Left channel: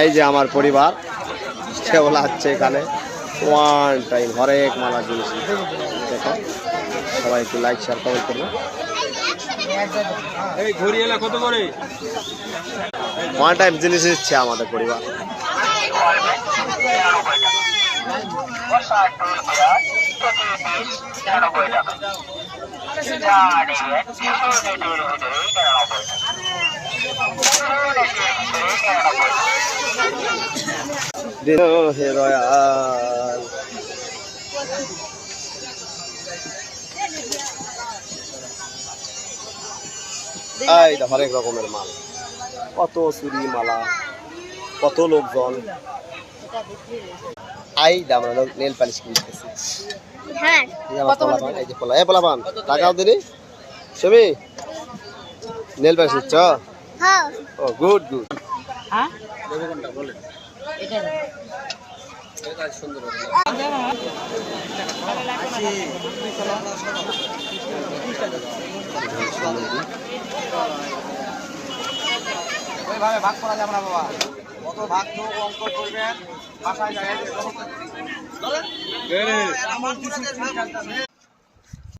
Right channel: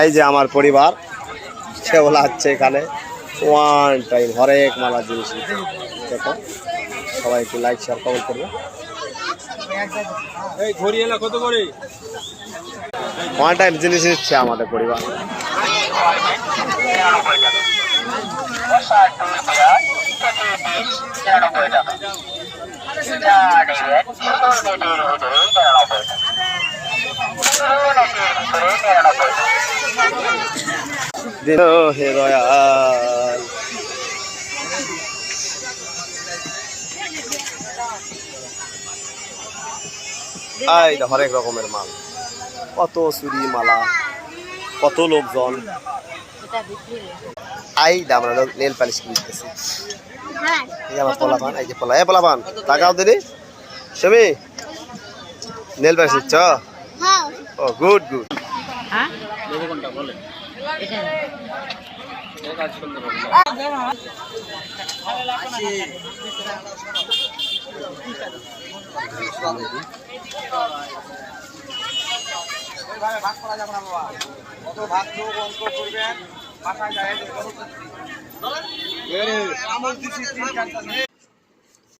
এই যে আমার পরিবার সেগুলো হচ্ছে এখানে ওয়ান টাইম হরেক মালা জিনিস দেখো সবাই একটু লাইক শেয়ার কমেন্ট করবে এই ঘড়ি এলা কত করে ওয়ান টাইম জিনিস নিচ্ছে আমাদের পরিবার হে দয়াল এই তো হরেক রকমের মাল কত চুরি মালা কত লোকজন এই আমরা নেল পালিশ কিনতেছি আমার পোলাপান এই যে পোলাপান টাকাও দিনি সমি নেল পালিশ নিচ্ছ ও গুড গুড ভাগ করা যাবে না বাবা কত ভাগ অঙ্ক করবেন বাসায় যায়